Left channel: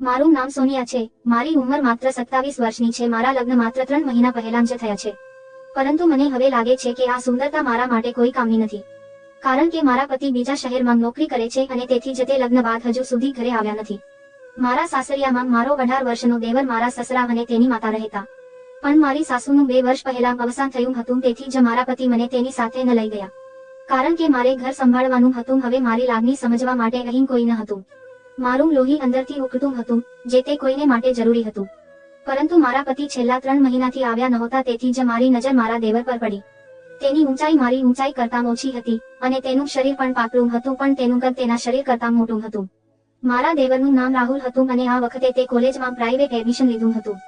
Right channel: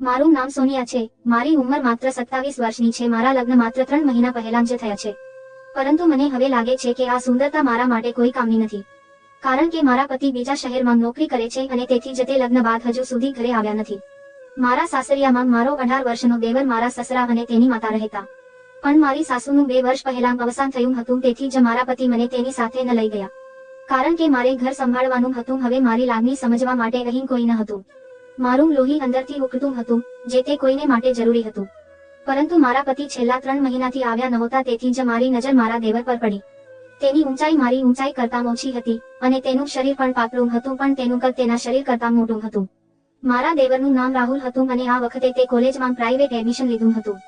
મારું નામ સોનિયા છે. મારી ઉંમર માત્ર 27 વર્ષની છે. મારા લગ્ન માત્ર 3 મહિના પહેલા જ થયા છે. પરંતુ મને હવે લાગે છે કે આ સુંદરતા મારા માટે કોઈ કામની નથી. કારણ કે મારા પતિ બીજા શહેરમાં નોકરી કરે છે અને તેથી જ તે લગ્ન બાદ હજુ સુધી ઘરે આવ્યા નથી. મારા સાસરિયામાં મારો 18 વર્ષનો દેવર, મારા સસરા અને તેની માતા રહેતા. પણ મારી સાસુનું 2 વર્ષ પહેલા અવસાન થયું હતું, તેથી જ મારા પતિ મને તેની સાથે ન લઈ ગયા. કારણ કે મારે ઘર સંભાળવાનું હતું. હવે મારી લાગણી સમજવા માટે અહીં કોઈ ન હતું. મારું લોહી અંદરથી ઉકળતું હતું, જે તે કોઈને માટે જરૂરી હતું. પરંતુ મારા પતિ છેલ્લા 3 મહિનાથી આવ્યા નહોતા, તેથી જ મારી નજર મારા દેવર પર પડી. તેની ઊંચાઈ મારી ઊંચાઈ કરતાં ઓછી હતી અને તેનું શરીર પણ પાતળું હતું, પણ તેનું કદ તેના શરીર કરતાં મોટું હતું. મારા દેવરનું નામ રાહુલ હતું અને આ વખતે તે કોલેજમાં પ્રાઇવેટ એડમિશન લીધું હતું.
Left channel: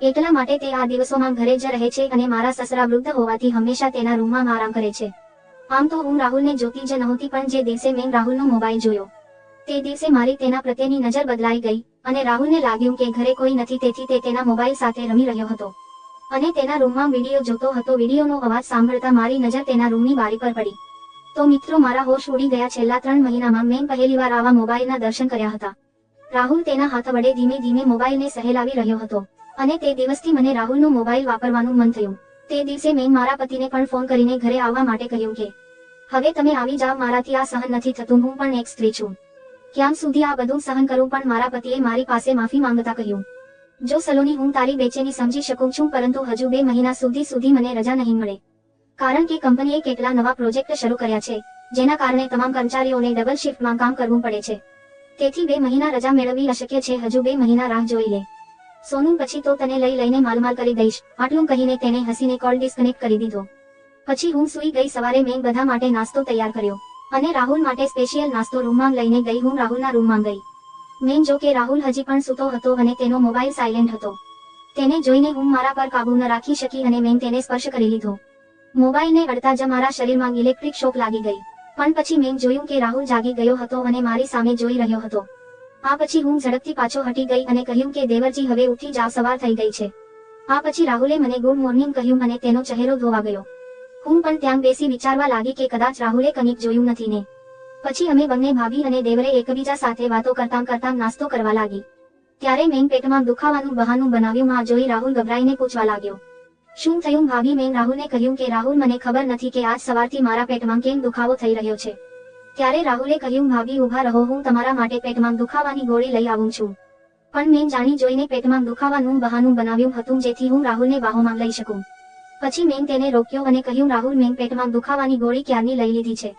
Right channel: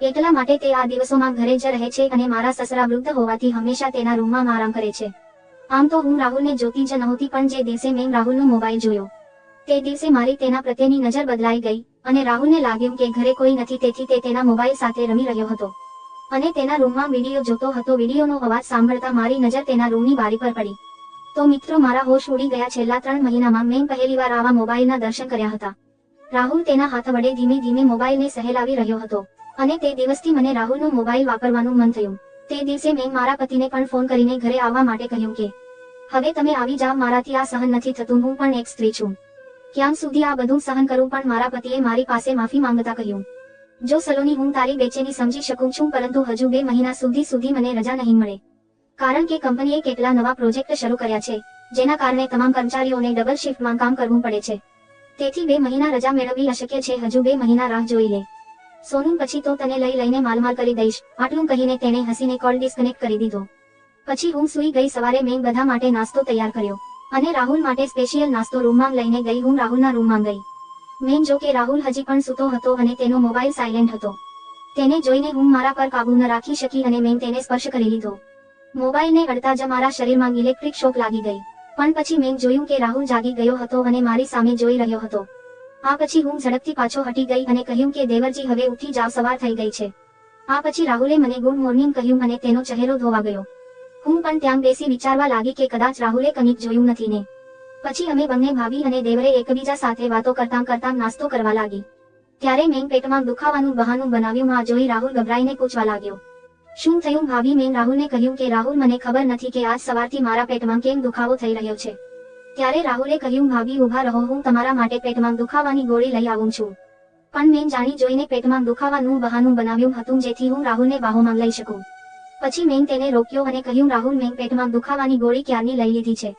એટલા માટે તે આ દિવસોમાં ઘરે જ રહે છે અને મારા સસરા વૃદ્ધ હોવાથી હંમેશા તેના રૂમમાં આરામ કરે છે. આમ તો હું રાહુલને જોતી જ નહોતી, પણ જે દિવસે મેં રાહુલનો મોબાઈલ જોયો તે દિવસે મારી તેના પ્રત્યેની નજર બદલાઈ ગઈ અને રાહુલને લાગ્યું કે ઘરે કોઈ નથી, તેથી તે તેના મોબાઈલ સાથે રમી રહ્યો હતો અને તેના રૂમમાં વિડીયો જોતો હતો. વિડીયોનો અવાજ સાંભળતા મારી નજર તેના રૂમની બારી પર પડી. તો મિત્રો, મારા હોશ ઉડી ગયા. છેલ્લા 3 મહિનામાં મેં પહેલીવાર આવા મોબાઈલના દર્શન કર્યા હતા. રાહુલ તેના હાથ વડે ધીમે ધીમે મોબાઈલને સહેલાવી રહ્યો હતો અને તે દિવસથી મને રાહુલનો મોબાઈલ વાપરવાનું મન થયું. તે દિવસે મેં મારા પતિને પણ ફોન કરીને ઘરે આવવા માટે કહ્યું કે હવે તમે આવી જાવ, મારાથી આ સહન નથી થતું. હું પણ એક સ્ત્રી છું. ક્યાં સુધી આ બધું સહન કરું? પણ મારા પતિએ મારી પાસે માફી માંગતા કહ્યું, જો સલોની, હું તારી બેચેની સમજી શકું છું, પરંતુ હજુ 2 મહિના સુધી મને રજા નહીં મળે. કારણ કે કંપનીએ કેટલા નવા પ્રોજેક્ટ શરૂ કર્યા છે, જેના કારણે તમામ કર્મચારીઓને ડબલ શિફ્ટમાં કામ કરવું પડે છે. તેથી 2 મહિના રજા મેળવવી અશક્ય છે. હજુ 2 મહિના રાહ જોઈ લે. સોનું, પછી તો તને લઈને માલમાલ કરી દઈશ. આટલું કહીને તેને હસીને કોલ ડિસ્કનેક્ટ કરી દીધો. પછી હું સૂઈ ગઈ. સવારે મેં બધા માટે નાસ્તો તૈયાર કર્યો અને રાહુલ માટે સ્પેશિયલ નાસ્તો રૂમમાં લઈને ગઈ. હું રાહુલના રૂમમાં ગઈ. મેં જો કે રાહુલ હજી પણ સૂતો હતો અને તેનો મોબાઈલ સાયલેન્ટ હતો. તેને જોઈને હું મારા પર કાબુ ન રાખી શકી અને મેં તેને સ્પર્શ કરી લીધો. મોબાઈલને અડતા જ મારા શરીરમાં ઇલેક્ટ્રિક શોક લાગી ગઈ. પણ પછી મેં જોયું કે રાહુલ જાગી ગયો હતો અને મારી સામે જોઈ રહ્યો હતો. આ પછી હું ઝડપથી પાછો હટી ગઈ અને કહ્યું કે દેવરજી, હવે ઉઠી જાવ, સવાર થઈ ગઈ છે. આ પછી રાહુલે મને ગુડ મોર્નિંગ કહ્યું અને તેનો ચહેરો ધોવા ગયો. હું પણ ત્યાં બેસી વિચારવા લાગી કે કદાચ રાહુલે કંઈક જોયું નથી ને. પછી અમે બંને ભાભી અને દેવરે એકબીજા સાથે વાતો કરતાં કરતાં નાસ્તો કરવા લાગી. ત્યારે મેં પેટમાં દુખાવાનું બહાનું બનાવ્યું. આ જોઈ રાહુલ ગભરાઈને પૂછવા લાગ્યો, શું થયું ભાભી? મેં રાહુલને કહ્યું કે રાહુલ, મને ખબર નથી કે આજ સવારથી મારા પેટમાં કેમ દુખાવો થઈ રહ્યો છે. ત્યારે રાહુલે કહ્યું, ભાભી ઊભા રહો, હું તમારા માટે પેટમાં દુખાવાની ગોળી લઈ આવું છું. પણ મેં જાણી જોઈને પેટમાં દુખાવાનું બહાનું બનાવ્યું હતું, જેથી હું રાહુલને બાહોમાં લઈ શકું. પછી મેં તેને રોક્યો અને કહ્યું, રાહુલ, મેં પેટમાં દુખાવાની ગોળી ક્યારની લઈ લીધી છે.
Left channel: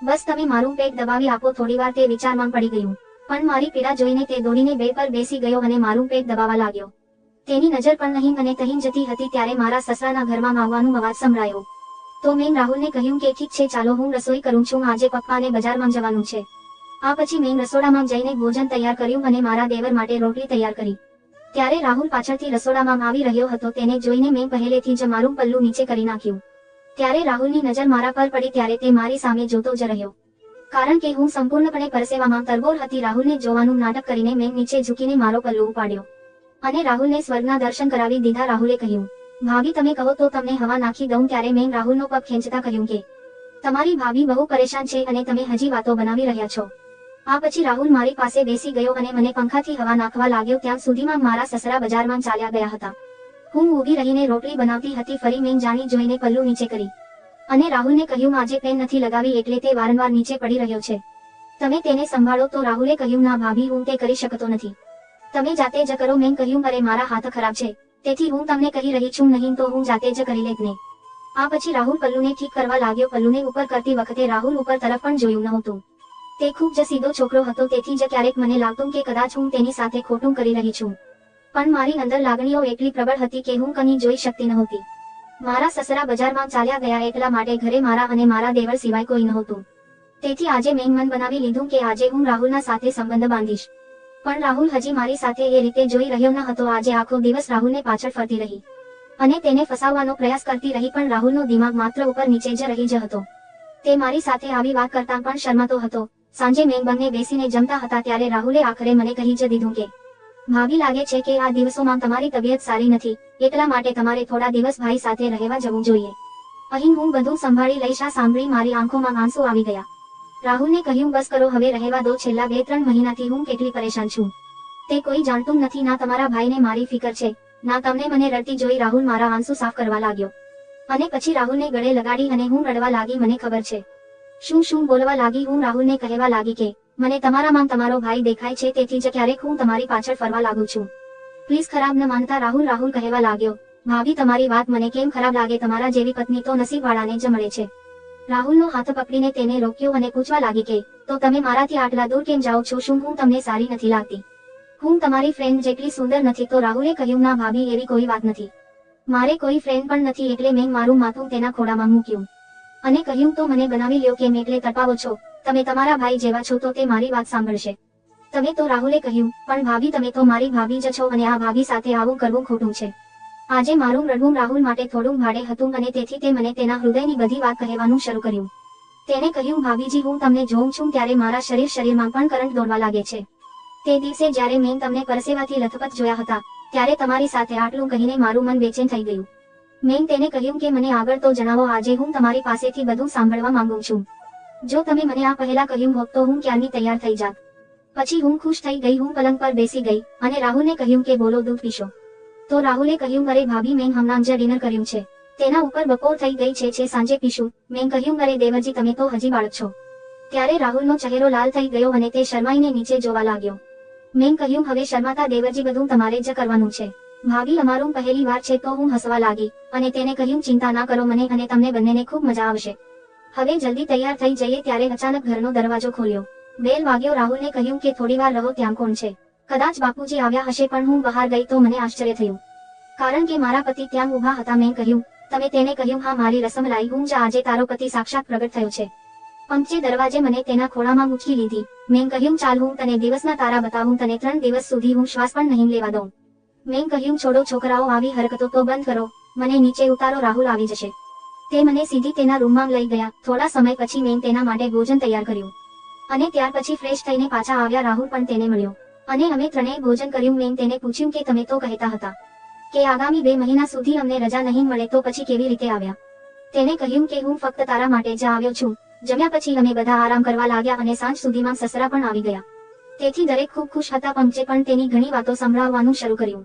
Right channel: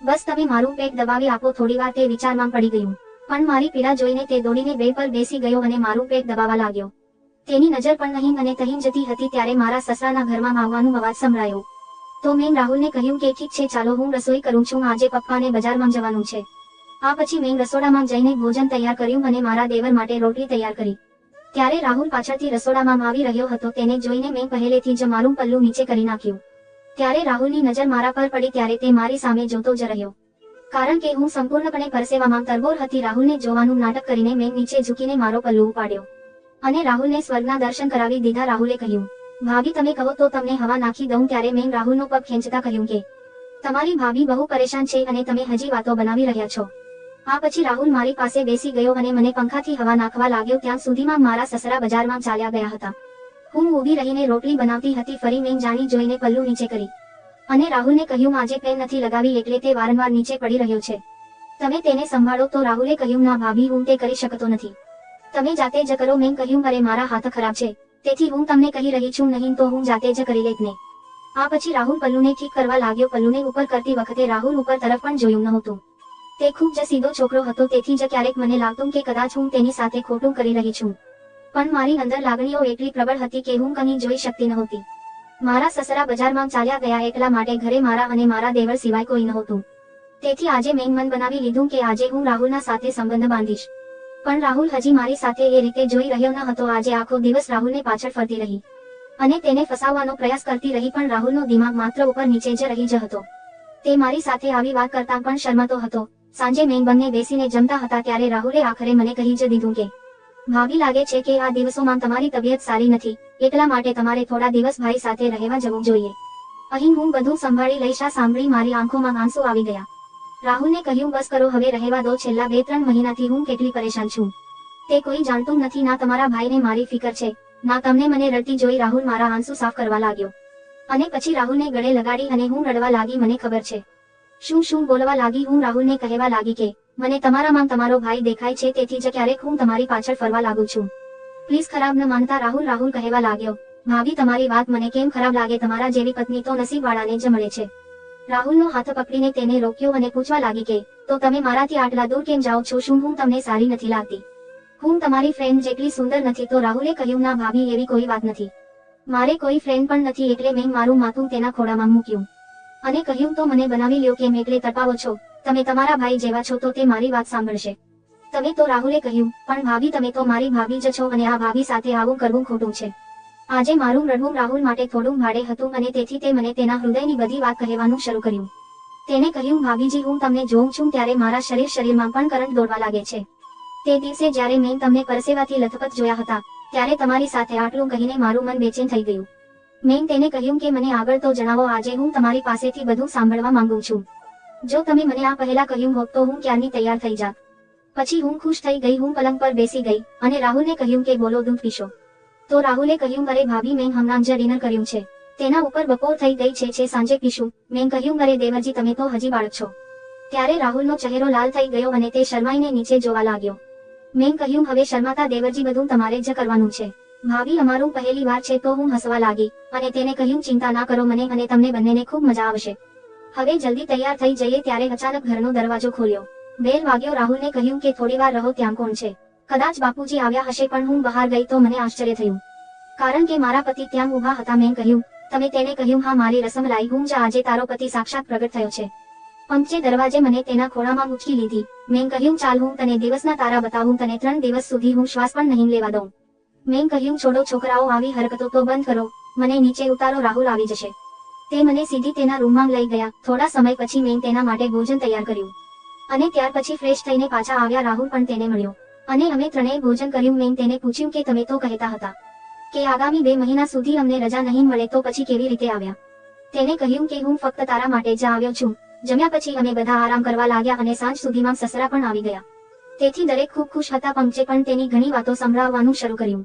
બસ તમે મારું પેટ દબાવી આપો. થોડીવાર તે વિચારમાં પડી ગયું, પણ મારી પીડા જોઈને તે દોડીને બેડ પર બેસી ગયો અને મારું પેટ દબાવવા લાગ્યો. તેની નજર પણ અહીં અને તહીં જતી હતી. ત્યારે મારા સસરાના ઘરમાં આવવાનું અવાજ સંભળાયો. તો મેં રાહુલને કહ્યું કે ઠીક છે, ચાલો હું રસોઈ કરું છું, આજે પપ્પાને બજારમાં જવાનું છે. આ પછી મેં રસોડામાં જઈને ભોજન તૈયાર કર્યું અને મારા દેવર માટે રોટલી તૈયાર કરી. ત્યારે રાહુલ પાછળથી રસોડામાં આવી રહ્યો હતો. તેને જોઈને મેં પહેલેથી જ મારું પલ્લું નીચે કરી નાખ્યું. ત્યારે રાહુલની નજર મારા પર પડી. ત્યારે તે મારી સામે જોતો જ રહ્યો. કારણ કે હું સંપૂર્ણપણે પરસેવામાં તરબોળ હતી. રાહુલને જોવાનું નાટક કરીને મેં નીચે ઝૂકીને મારો પલ્લુ ઉપાડ્યો અને રાહુલને સ્વર્ગના દર્શન કરાવી દીધા. રાહુલે કહ્યું, ભાભી તમે કહો તો તમને હવા નાખી દઉં. ત્યારે મેં રાહુલનો પગ ખેંચતા કહ્યું કે તમારી ભાભી બહુ પરેશાન છે અને તમે હજી વાતો બનાવી રહ્યા છો. આ પછી રાહુલ મારી પાસે બેસી ગયો અને મને પંખાથી હવા નાખવા લાગ્યો. ત્યાં સુધીમાં મારા સસરા બજારમાં ચાલ્યા ગયા હતા. હું ઊભી રહીને રોટલી બનાવતી હતી. ફરી મેં જાણી જોઈને પલ્લુ નીચે કરી અને રાહુલને કહ્યું, આજે પેન નથી લગાવી એટલે તે વારંવાર નીચે પડી રહ્યો છે. તમે તેને સંભાળો. તો રાહુલે કહ્યું, ના ભાભી, હું તે કરી શકતો નથી. તમે જાતે જ કરો. મેં કહ્યું, અરે મારા હાથ ખરાબ છે, તેથી હું તમને કહી રહી છું, નહીં તો હું જાતે જ કરી લેત ને. આ પછી રાહુલ પલ્લુને ઠીક કરવા લાગ્યો. પલ્લુને ઉપર કરતી વખતે રાહુલ ઉપર તરફ પણ જોયું નહોતું. તે ખૂબ જ સીધો છોકરો હતો, તેથી જ ક્યારેક મને લાગતું કે કદાચ હું તેની સાથે ખોટું કરી રહી છું. પણ મારી અંદર લાગણીઓ એટલી પ્રબળ હતી કે હું કંઈ જોઈ શકતી નહોતી. મારા સસરા બજારમાં ચાલ્યા ગયા, એટલા માટે ઘરે મારા અને મારા દેવર સિવાય કોઈ નહોતું. તેથી આજે મેં મન બનાવી લીધું કે આજે હું રાહુલના સાથે સંબંધ બાંધીશ. પણ રાહુલ હજી મારી સાથે એ રીતે જોઈ રહ્યો ન હતો. આજે આખો દિવસ રાહુલને પાછળ ફરતી રહી અને તેને ફસાવવાનો પ્રયાસ કરતી રહી, પણ રાહુલનો દિમાગ માત્ર ઉપર નીચે જ રહી જ હતો. તે મારી સાથે આવી વાત કરતા પણ શરમાતો હતો. સાંજે મેં બંને બેસીને જમતા હતા. ત્યારે રાહુલે આખરે મને કહી જ દીધું કે ભાભી, લાગે છે કે આ દિવસોમાં તમારી તબિયત સારી નથી, એટલા માટે તમારે થોડા દિવસ ભાઈ સાથે રહેવા જવું જોઈએ. અહીં હું બધું સંભાળી લઈશ. આ સાંભળી મારી આંખોમાં આંસુ આવી ગયા. રાહુલને કહ્યું, બસ કરો, હવે રહેવા દો. છેલ્લા 2-3 મહિનાથી હું કેટલી પરેશાન છું. તે કોઈ જાણતું નથી, ના તમારા ભાઈને મારી ફિકર છે, ના તમને મને રડતી જોઈ રાહુલ મારા આંસુ સાફ કરવા લાગ્યો. અને પછી રાહુલને ગળે લગાડી અને હું રડવા લાગી. મને ખબર છે શું શું બોલવા લાગી. હું રાહુલને કહેવા લાગી કે મને તમારામાં તમારો ભાઈ દેખાય છે, તેથી જ ક્યારેક હું તમારી પાછળ ફરવા લાગુ છું. પ્લીઝ ખરાબ ન માનતા રાહુલ કહેવા લાગ્યો. ભાભી તમારી વાત મને કેમ ખરાબ લાગે, તમારા જેવી પત્ની તો નસીબવાળાને જ મળે છે. રાહુલનો હાથ પકડીને તેને રોક્યો અને પૂછવા લાગી કે તો તમે મારાથી આટલા દૂર કેમ જાઓ છો, શું હું તમને સારી નથી લાગતી? હું તમારી ફ્રેન્ડ જેટલી સુંદર નથી? તો રાહુલે કહ્યું, ના ભાભી એવી કોઈ વાત નથી, મારે કોઈ ફ્રેન્ડ પણ નથી. એટલે મેં મારું માથું તેના ખોળામાં મૂક્યું અને કહ્યું, તો મને બનાવી લ્યો કેમ એટલે તડપાવો છો? તમે તમારા ભાઈ જેવા છો તો તે મારી વાત સાંભળશે. તમે તો રાહુલે કહ્યું, પણ ભાભી તમે તો મારી ભાભી જ છો અને આ ભાભી સાથે આવું કરવું ખોટું છે. આજે મારું રડવું રાહુલ માટે થોડું ભાડે હતું અને તેથી તે મને તેના હૃદયની બધી વાત કહેવાનું શરૂ કર્યું. તેને કહ્યું, ભાભીજી હું તમને જોઉં છું ત્યારે મારા શરીરમાં પણ કરંટ દોડવા લાગે છે. તે દિવસે જ્યારે મેં તમને પરસેવાથી લથપથ જોયા હતા ત્યારે તમારી સાથે આટલું કહીને મારું મન બેચેન થઈ ગયું. મેં તેને કહ્યું કે મને આગળ તો જણાવો, આજે હું તમારી પાસેથી બધું સાંભળવા માંગુ છું. જો તમે મને આ પહેલા કહ્યું હોત તો હું ક્યારની તૈયાર થઈ જાત. પછી હું ખુશ થઈ ગઈ. હું પલંગ પર બેસી ગઈ અને રાહુલને કહ્યું કે બોલો, દૂધ પીશો? તો રાહુલે કહ્યું, અરે ભાભી મેં હમણાં જ ડિનર કર્યું છે, તેના ઉપર બપોર થઈ ગઈ છે, સાંજે પીશું. મેં કહ્યું, અરે દેવરજી તમે તો હજી બાળક છો. ત્યારે રાહુલનો ચહેરો લાલ થઈ ગયો અને તે શરમાઈને નીચે જોવા લાગ્યો. મેં કહ્યું, હવે શરમાતા દેવરજી, બધું તમારે જ કરવાનું છે. ભાભી અમારું પહેલી વાર છે. તો હું હસવા લાગી અને તેને કહ્યું, ચિંતા ના કરો, મને અને તમને બંનેને ખૂબ મજા આવશે. હવે જલ્દી તૈયાર થઈ જઈએ. ત્યારે અચાનક ઘરનો દરવાજો ખોલ્યો. બેલ વાગ્યો. રાહુલને કહ્યું કે થોડી વાર રહો, ત્યાં કોણ છે? કદાચ બાપુજી આવ્યા હશે. પણ હું બહાર ગઈ તો મને આશ્ચર્ય થયું, કારણ કે મારા પતિ ત્યાં ઊભા હતા. મેં કહ્યું, તમે? તેને કહ્યું, હા મારી રસમલાઈ, હું જ આજે તારો પતિ સાક્ષાત પ્રગટ થયો છે. પંચે દરવાજે મને તેના ખોળામાં ઉંચકી લીધી. મેં કહ્યું, ચાલ હું તને દિવસના તારા બતાવું, તને 3 દિવસ સુધી હું શ્વાસ પણ નહીં લેવા દઉં. મેં કહ્યું, છોડો છોકરાઓ, આવી હરકતો તો બંધ કરો, મને નીચે ઉતારો, રાહુલ આવી જશે. તે મને સીધી તેના રૂમમાં લઈ ગયા. થોડા સમય પછી મેં તેના માટે ભોજન તૈયાર કર્યું અને ત્યાર પછી ફ્રેશ થઈને પાછા આવ્યા. રાહુલ પણ તેને મળ્યો અને અમે ત્રણેય ભોજન કર્યું. મેં તેને પૂછ્યું કે તમે તો કહેતા હતા કે આગામી 2 મહિના સુધી અમને રજા નહીં મળે, તો પછી કેવી રીતે આવ્યા? તેને કહ્યું કે હું ફક્ત તારા માટે જ આવ્યો છું. જમ્યા પછી અમે બધા આરામ કરવા લાગ્યા અને સાંજ સુધીમાં સસરા પણ આવી ગયા. તેથી દરેક ખૂબ ખુશ હતા. પંચે પણ તેની ઘણી વાતો સંભળાવવાનું શરૂ કર્યું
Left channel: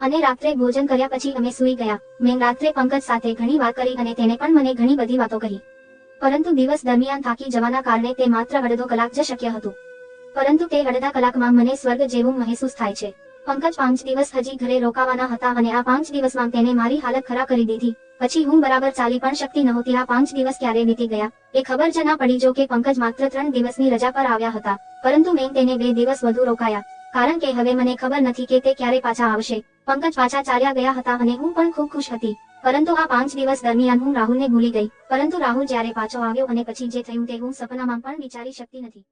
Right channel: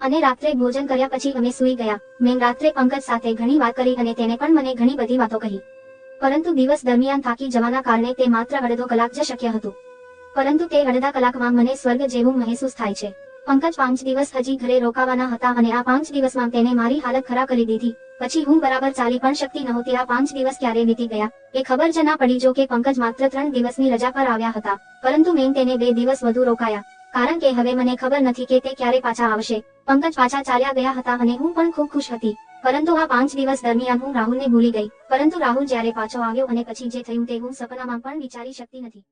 અને રાત્રે ભોજન કર્યા પછી અમે સૂઈ ગયા. મેં રાત્રે પંકજ સાથે ઘણી વાત કરી અને તેને પણ મને ઘણી બધી વાતો કહી. પરંતુ દિવસ દરમિયાન થાકી જવાના કારણે તે માત્ર અડધો કલાક જ શક્ય હતું. પરંતુ તે અડધા કલાકમાં મને સ્વર્ગ જેવું મહેસૂસ થાય છે. પંકજ 5 દિવસ હજી ઘરે રોકાવાના હતા અને આ 5 દિવસમાં તેને મારી હાલત ખરાબ કરી દીધી. પછી હું બરાબર ચાલી પણ શકતી નહોતી. આ 5 દિવસ ક્યારે વીતી ગયા એ ખબર જ ના પડી. જો કે પંકજ માત્ર 3 દિવસની રજા પર આવ્યા હતા, પરંતુ મેં તેને 2 દિવસ વધુ રોકાયા, કારણ કે હવે મને ખબર નથી કે તે ક્યારે પાછા આવશે. પંકજ પાછા ચાલ્યા ગયા હતા અને હું પણ ખૂબ ખુશ હતી. પરંતુ આ 5 દિવસ દરમિયાન હું રાહુલને ભૂલી ગઈ. પરંતુ રાહુલ જ્યારે પાછો આવ્યો અને પછી જે થયું તે હું સપનામાં પણ વિચારી શકતી નથી.